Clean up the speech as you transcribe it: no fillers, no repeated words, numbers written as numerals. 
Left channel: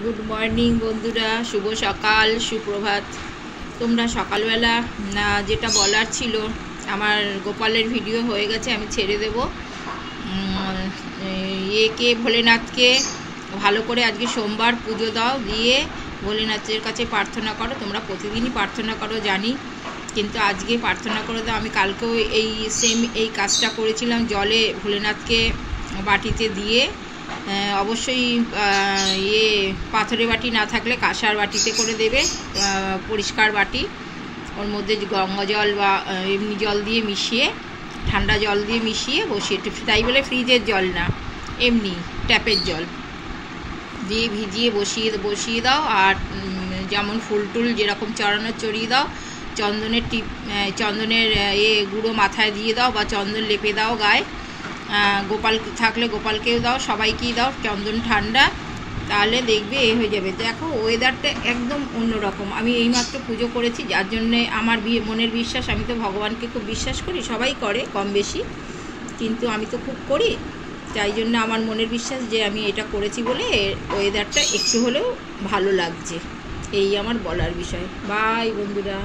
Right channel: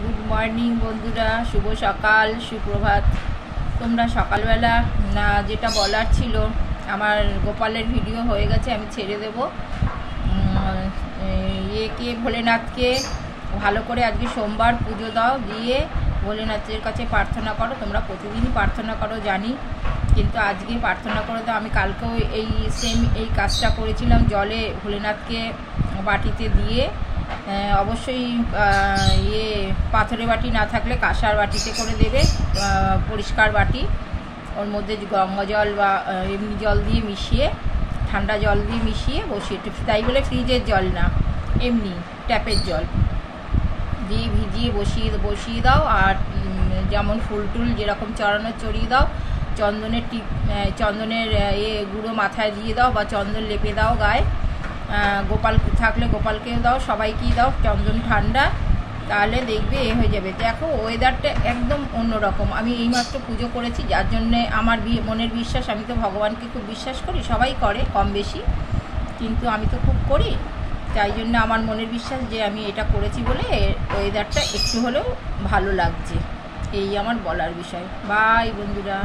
Good morning বন্ধুরা, শুভ সকাল, সুপ্রভাত। তোমরা সকালবেলা না যেটা বলার ছিল, আমার গোপালের ভিডিও হয়ে গেছে, আমি ছেড়ে দেব। একে ভোলেনাথকে ভালো করে আজকে সোমবার পুজো দাও, দিয়ে ভোলেনাথের কাছে প্রার্থনা করো। তোমরা প্রতিদিনই প্রার্থনা করো জানি, কিন্তু আজকে প্রার্থনা করে দাও। আমি কালকেও এই কাজটা করেছিলাম, জলে ভোলেনাথকে বাটিতে দিয়ে। অবশ্যই পাথরের বাটি না থাকলে কাঁসার বাটিতে করে দেবে, পরিষ্কার বাটি। ওর মধ্যে গঙ্গা জল বা এমনি জল দিয়ে মিশিয়ে, ঠান্ডা জল দিয়ে মিশিয়ে বসিয়ে, তাই বলে ফ্রিজের জল না, এমনি ট্যাপের জল দিয়ে ভিজিয়ে বসিয়ে দাও। আর যেমন ফুল টুল যেরকম চড়ানোর চড়িয়ে দাও। চন্দনের গুঁড়ো মাথায় দিয়ে দাও, বা চন্দন লেপে দাও গায়ে। গোপাল থাকলে গোপালকেও দাও, সবাইকেই দাও চন্দন ঠান্ডা, তাহলে দেখবে হয়ে যাবে। দেখো ওয়েদারটা একদম অন্যরকম। আমি এইমাত্র পুজো করেছি, যার জন্যে আমার মনের বিশ্বাস, আমি তো ভগবানকে খুব বিশ্বাস করি, সবাই করে কম বেশি, কিন্তু আমি তো খুব করি। তাই জন্য আমার মনের বিশ্বাস যে আমি এটা করেছি বলে ওয়েদারটা একটু হলেও ভালো লাগছে। এই আমার বলার বিষয়। বাই বন্ধুরা।